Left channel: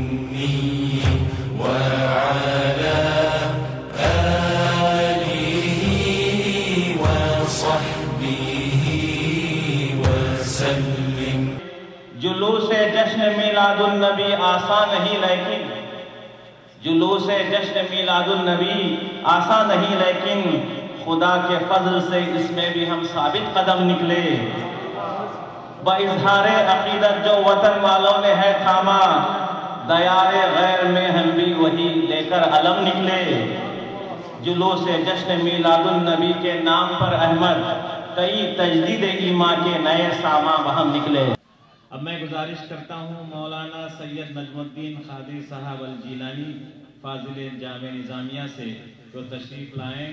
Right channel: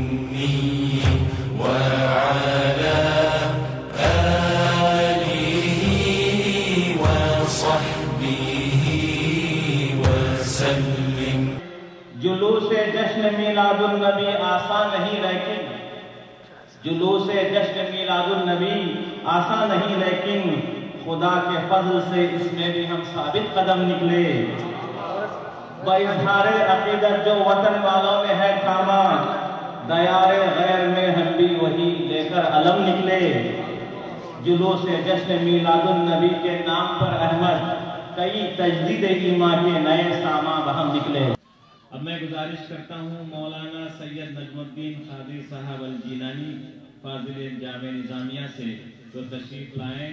الأمي وعلى آله وصحبه وسلم. جلوس جشن میلاد النبی آسان نہیں لیکن جلوس جشن میلاد النبی آسان نہیں لیکن خدا کے فضل سے اس میں بھی ہم ثابت قدم نکلے. بإظہار عقیدت جو وطن والوں نے ہے تھاما، دیار غیر میں ہم بھی وہی لے کر علم نکلے. جلوس جشن میلاد النبی کے نام پر احمد کئی تجدید ایمان کے نئے ساما وہم نکلے. اب میں گزارش کرتا ہوں مولانا سید نجم الدین قادری صاحب الجیلانی فاضل جامع نظامیہ سے جو تشریف لائیں.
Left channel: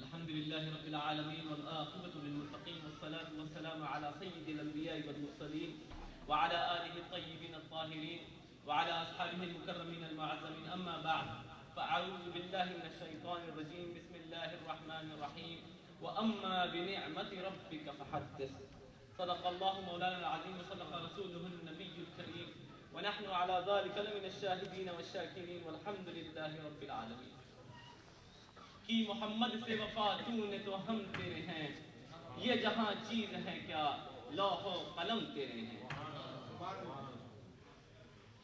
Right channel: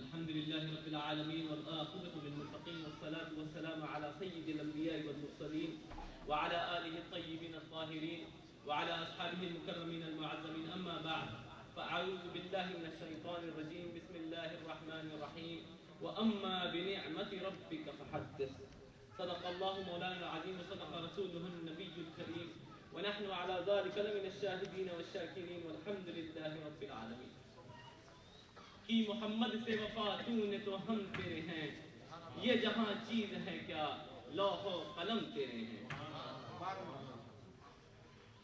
الحمد لله رب العالمين والعاقبة للمتقين والصلاة والسلام على سيد الأنبياء والمرسلين وعلى آله الطيبين الطاهرين وعلى أصحابه المكرمين المعظمين. أما بعد فأعوذ بالله من الشيطان الرجيم. بسم الله الرحمن الرحيم. وأما بنعمة ربك فحدث. صدق الله مولانا العظيم وصدق رسوله النبي الكريم ونحن على ذلك لمن الشاهدين والشاكرين والحمد لله رب العالمين. کی محمد سے وفا تو نے تو ہم تیرے ہیں، یہ جہاں چیز ہے کیا لوح و قلم تیرے ہیں.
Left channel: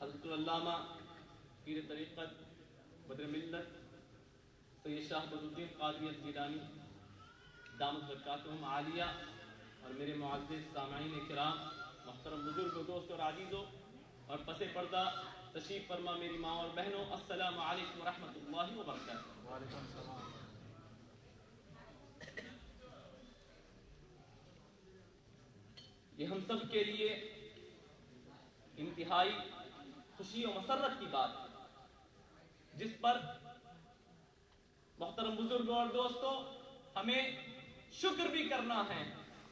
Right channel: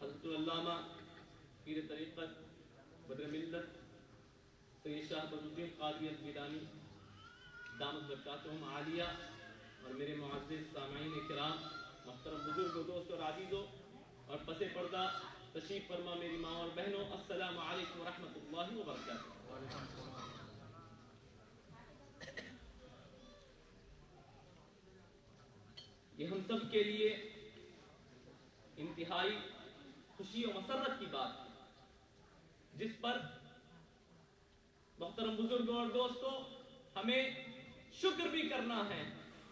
حضرت العلامہ پیر طریقت بدر ملت سید شاہ بدر الدین قادری الجیلانی دامت برکاتہم عالیہ اور میرے معزز سامعین کرام، محترم بزرگ دوست اور عزیزوں اور پس پردہ تشریف فرما میری ماں اور بہنوں، السلام علیکم ورحمۃ اللہ وبرکاتہ. یہ ہم سب کے لیے انتہائی خوشی و مسرت کی بات ہے، جس پر محترم بزرگوں اور دوستوں ہمیں شکر بھی کرنا ہے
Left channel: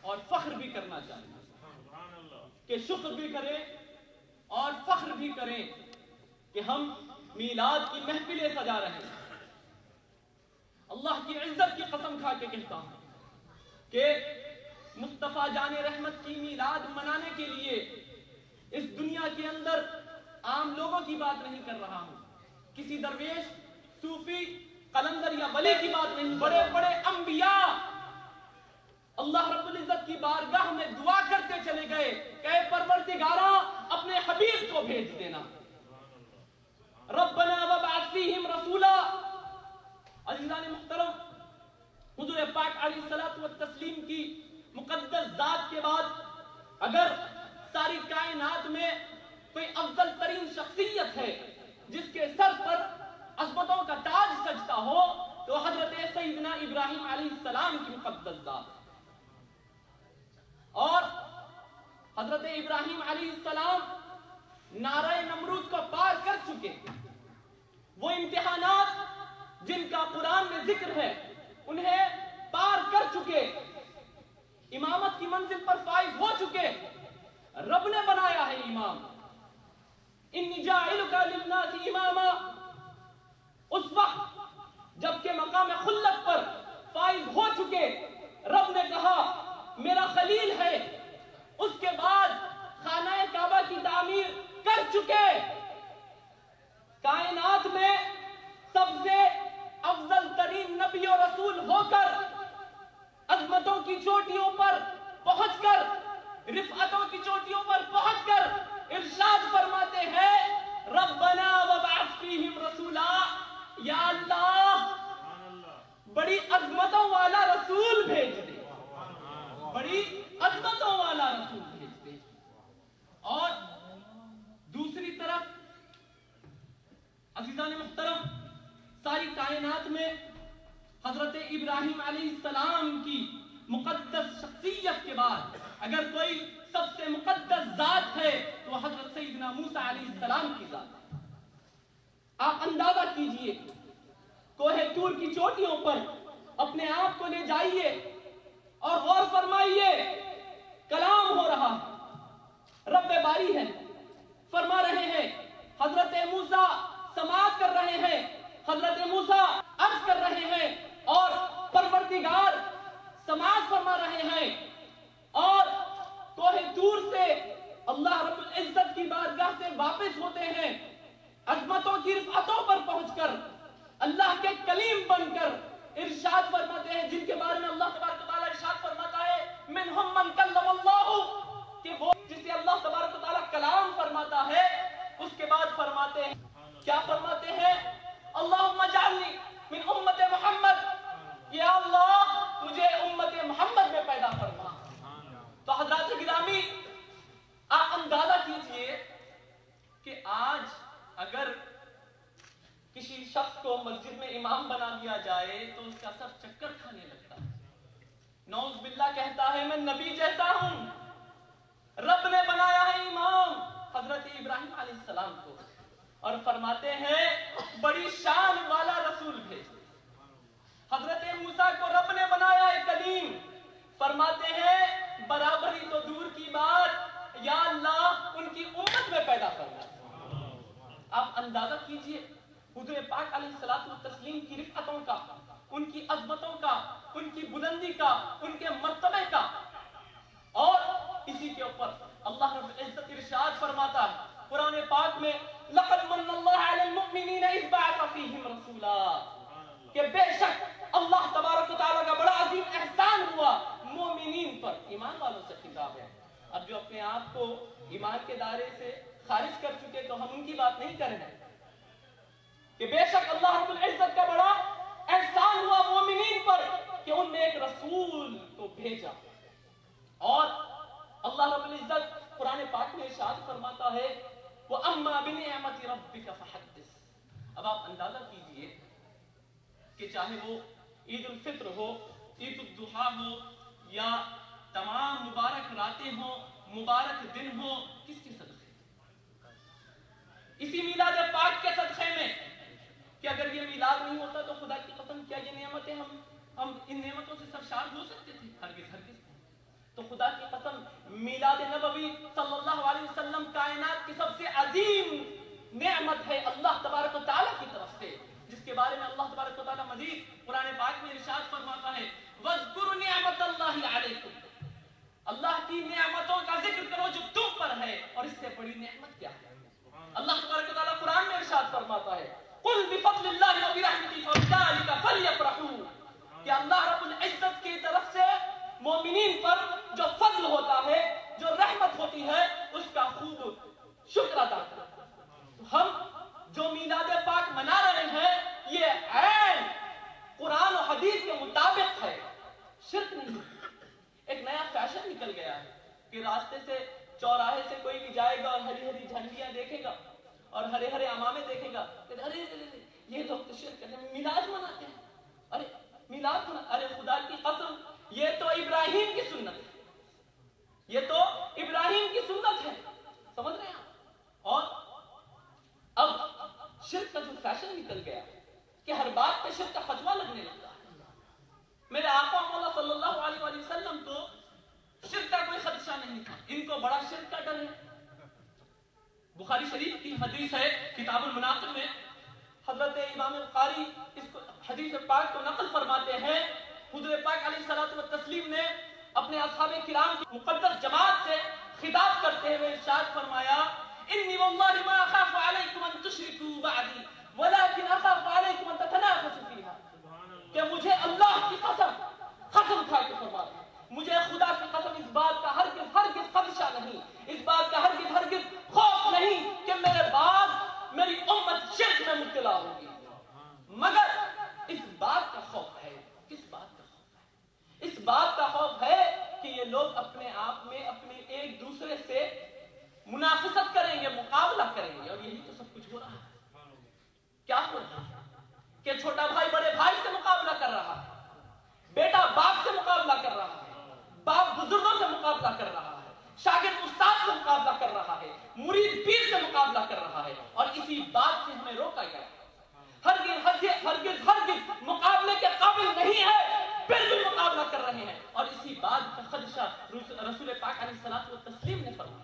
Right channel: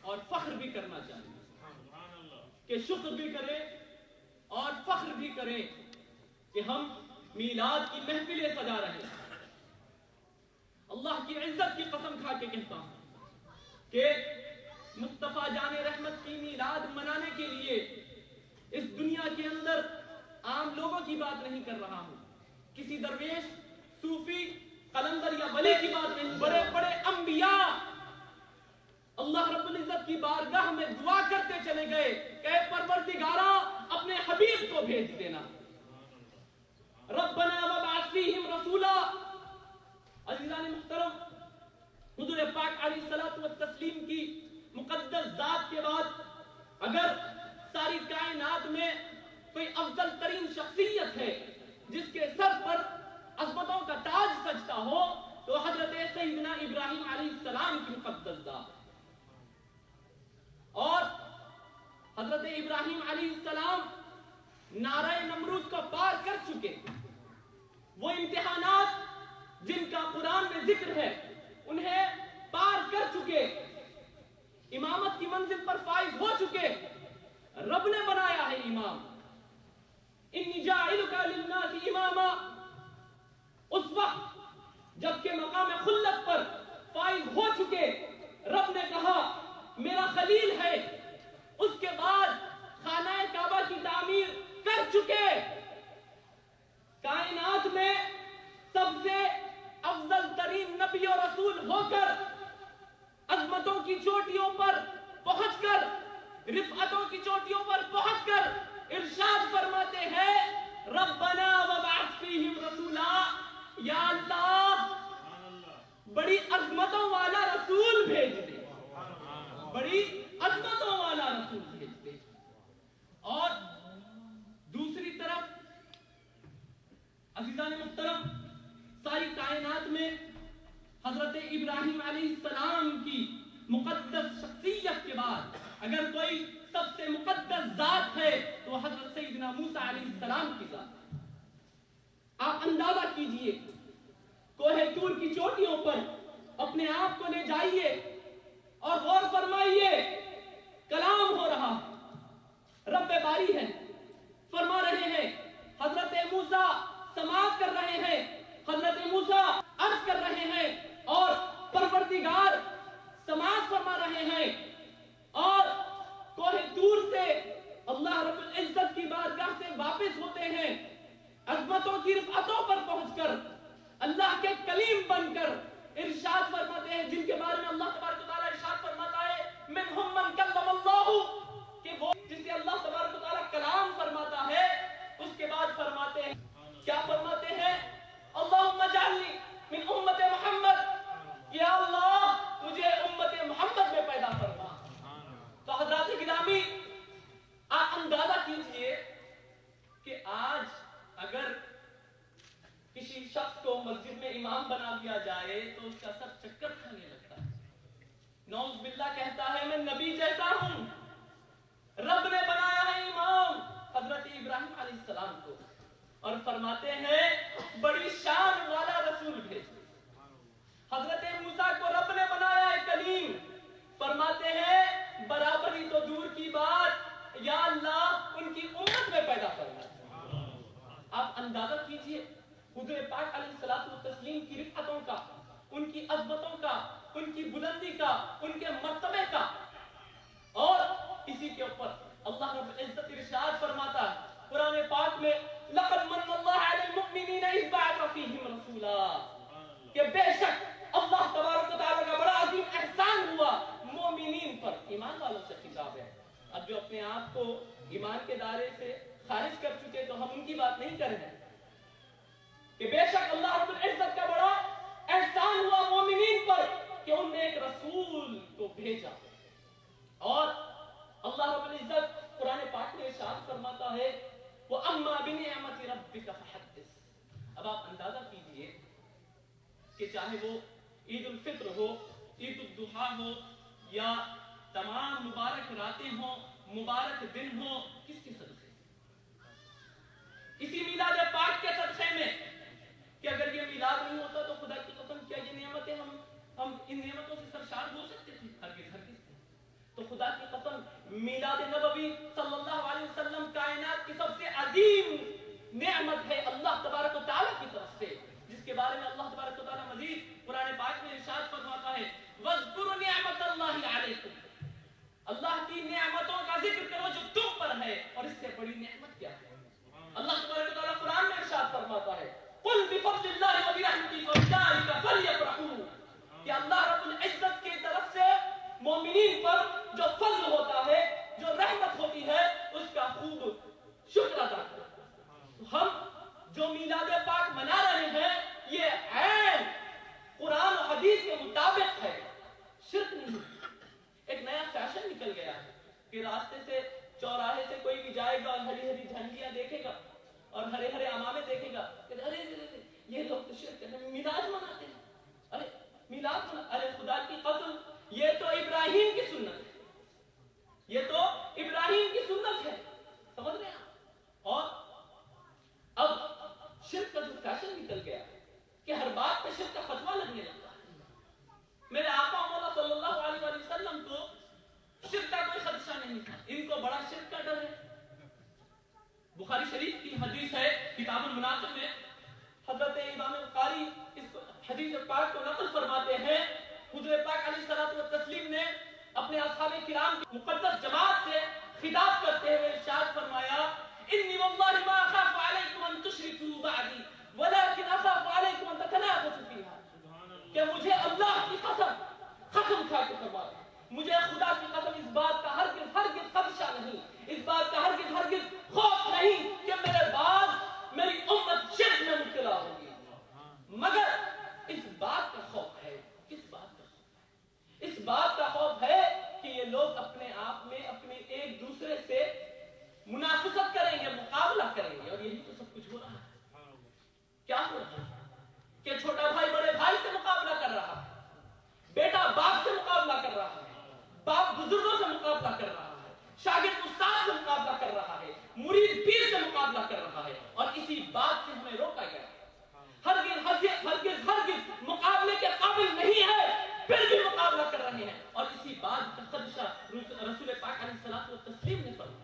اور فخر بھی کرنا چاہیے کہ شکر بھی کریں اور فخر بھی کریں کہ ہم میلاد کی محفلیں سجا رہے ہیں. اللہ کی عزت کی قسم کھا کے کہتا ہوں کہ مصطفیٰ جان رحمت کی میلاد منانے کے لیے اس دنیا کے اندر عام لوگوں کی بات نہیں کر رہا ہوں، کسی درویش، صوفی، قلندر یا ولی کی بات نہیں، بڑے بڑے انبیاء اللہ رب العزت کی بارگاہ میں دعا کرتے چلے گئے کہ اے پروردگارا اپنے حبیب کو بھیج دینا. ربنا وابعث فیہم رسولا. عزیزان محترم، حضور پاک علیہ الصلوۃ والتسلیم کی مقدس ذات کے بعد اگر ساری کائنات میں کوئی افضل ترین شخصیت ہے جس کے سر پر عظمتوں کا تاج سجتا ہو تو حضرت سیدنا ابراہیم علیہ السلام کی مقدس ذات. اور حضرت ابراہیم علیہ السلام نعرہ نمرود کو پار کر چکے، وہ امتحانات جن کا قرآن میں ذکر ہے انہیں پار کر چکے، امامت کی منزل پر فائز ہو چکے. رب نے بنایا ہے امام، انی جاعلک للناس اماما. اس وقت جبکہ مقام خلت پر فائز ہو چکے، رب نے کہا میرا خلیل ہے. اس کے بعد خانہ کعبہ کی تعمیر کر چکے، کائنات میں سب سے افضل ترین نبی و رسول ہو کر عظمتوں کی چوٹیوں پر پہنچ کر، رفعتوں کی چوٹیوں پر پہنچ کر ارشاد فرماتے ہیں ربنا وابعث فیہم رسولا. یا اللہ بڑی عظمتوں والا رسول بھیج دے، بڑی عظمتوں والا رسول بھیج دے. اور دوسری طرف عزیزان محترم، ساری کائنات میں حضرت ابراہیم علیہ السلام کی مقدس شخصیت کے بعد اگر کوئی سب سے مقدس ذات ہے تو حضرت سیدنا موسیٰ علیہ السلام کی ذات ہے. آپ اندازہ کیجئے، کوہ طور کی چوٹیوں پر اپنے آپ کو لے جائیے اور غور فرمائیے، کلام ہو رہا ہے، رب باری ہے، فرما رہے ہیں. حضرت موسیٰ سماعت کر رہے ہیں، حضرت موسیٰ عرض کر رہے ہیں اور پروردگار سماعت فرما رہے ہیں. اور کوہ طور سے اللہ رب العزت کی بارگاہ سے वापस होते हैं अजमतों की रिफातों पर पहुंचकर, अल्लाह के कलीम बनकर इरशाद फरमाते हैं, जिनके बारे में अल्लाह तबारक व तआला इरशाद फरमाता है मिनहुम मन कल्लमल्लाहु, कि वो जिसे अल्लाह तबारक व तआला कलाम फरमाता है, उसके बाद फरमाते हैं, क्या फरमाते हैं, अल्लाहुम्मा जअलनी मिन उम्मत मोहम्मद, या अल्लाह मुझे उम्मत मोहम्मद में पैदा फरमा। तो हज़रात गिरामी, आप अंदाजा कीजिए कि आज अगर किसी शख्स को मस्जिद में इमाम बना दिया जाए तो उसका सर चक्कर खाने लगता है, नौज़ बिल्लाह कहता है मैं नबी जैसा हूं, रब ने बनाया है इमाम हजरत इब्राहिम अलैहिस्सलाम को, और फरमाते हैं बड़ी शान वाला रसूल भेजे। हजरत मूसा को रब ने बनाया है कलीम, फरमाते हैं बराबरी तो दूर की बात, या अल्लाह उनकी उम्मत में पैदा फरमा। आप अंदाजा कीजिए हुजूर पाक अलैहिस्सलातु वस्सलाम की रिफ़अतों का, उनकी अज़मतों का, उनकी बुलंदी का, उनके मर्तबे का। और इसी के ऊपर अल्लाह रब्बुल इज़्ज़त इरशाद फरमाता है कुरान पाक में, लक़द मन्नल्लाहु अलल मुअमिनीना इज़ बअसा फ़ीहिम रसूला, कि बेशक अल्लाह तबारक व तआला का बड़ा अजीम एहसान हुआ मोमिनीन पर, ईमान वालों से खिताब है। अब जो अपने आप को ईमान के दायरे से खारिज कर चुके, तो हम उनकी बात नहीं कर रहे हैं कि बेशक अल्लाह रब्बुल इज़्ज़त का बड़ा एहसान हुआ मोमिनीन पर कि उनने एक रसूल को भेजा। और अल्लाह रब्बुल इज़्ज़त कुरान पाक में इरशाद फरमाता है, वो अम्मा बिनिअमति रब्बिका फहद्दिस। अब आप अंदाजा कीजिए कि चाहे वो ईद उल फित्र हो, ईद उल दुहा हो, या तमाम मुबारक रातें हो, मुबारक दिन हो, किसके सदक़े? इसी मिलाद पाक के सदक़े में, कि अगर ये मिलाद नहीं होता तो खुदा की कसम क्या ये नेमतें हम इन नेमतों से सरशार हो सकते थे? हरगिज़ हरगिज़। तो खुदा की कसम मिलाद नबवी सल्लल्लाहु अलैहि वसल्लम कायनात की सबसे अजीम नेमत है अल्लाह तबारक व तआला की तरफ से, जिसके बारे में अल्लाह तबारक व तआला मजीद कुरान पाक में इरशाद फरमाता है, वज़्कुरु निअमतल्लाहि अलैकुम, अल्लाह की नेमतों का जिक्र करो जो तुम पर है, और इससे बड़ी नेमत क्या है? अल्लाह तबारक व तआला कुरान में इरशाद फरमाता है, कुल बिफज़लिल्लाहि व बिरहमतिही फबिज़ालिका फलयफ़रहू, कि अल्लाह रब्बुल इज़्ज़त की तरफ से मोमिनीन पर जो फज़ल होता है, जो रहमत होती है, उसका खूब शुक्र अदा करो। तो हम जो मीलाद पाक मना रहे हैं, ये ऐन कुरान और हदीस के मुताबिक है, शिर्क नहीं। एक नया फैशन निकल गया है कि रास्ते से, चौराहे से कोई भी जाएगा और हरी हरी झंडियां देखेगा और हरे हरे अमामे देखेगा, अरे ये लोग तो शिर्क करने में मिलाद मनाते हैं, अरे मिलाद मना, अरे खुदा की कसम ये तो इब्राहिम की सुन्नत है, ये तो इब्राहिम की सुन्नत है, समझ रहे हैं? और अब शिर्क का जो फैशन निकल गया कि हर बात पे शिर्क का फतवा लगने लगता है। मेरे आका मौला सल्लल्लाहु अलैहि वसल्लम तो शिर्क का कोई खदशा नहीं था, इनको बड़ा शिर्क का डर है। बुखारी शरीफ की हदीस है किताबुल मुनाकिब में, हजरत इमाम बुखारी इसको हदीस पाक को नकल फरमाते हैं, हुजूर पाक अलैहिस्सलातु वस्सलाम ने अपने असहाबे किराम की मुकद्दस जमात से खिताब करते हुए इरशाद फरमाया, इन्नी वल्लाहि मा अखाफु अलैकुम अन तुशरिकू बअदी वलाकिन अखाफु अलैकुम अन ततनाफसू फीहा, कि मुझे अल्लाह की कसम खा के फरमाते हैं, मुझे खुदा की कसम इस बात का हरगिज़ खदशा नहीं, इस बात का हरगिज़ खौफ नहीं कि मेरे बाद मेरी उम्मत शिर्क में मुब्तला होगी, मगर इस बात का खौफ है। किस बात का खौफ है? इस बात का खौफ है कि ये लोग अपने आप में अपने एक दूसरे से मुनाफिसत करेंगे, मुकाबला करेंगे, और यही तो सब कुछ हो रहा है। क्या हो रहा है कि छोटा भाई बड़े भाई से मुकाबला कर रहा है, बेटा बाप से मुकाबला कर रहा है, बाप बुजुर्गों से मुकाबला कर रहा है, शागिर्द उस्ताद से मुकाबला कर रहा है, मुरीद पीर से मुकाबला कर रहा है, और इसी बात से हमें रोका गया। हरगिज़ मुकाबले के काबिल नहीं है, फिर भी मुकाबला कर रहे हैं, और इसी बात का खदशा रसूल पाक अलैहिस्सलातु वस्सलाम ने फरमाया।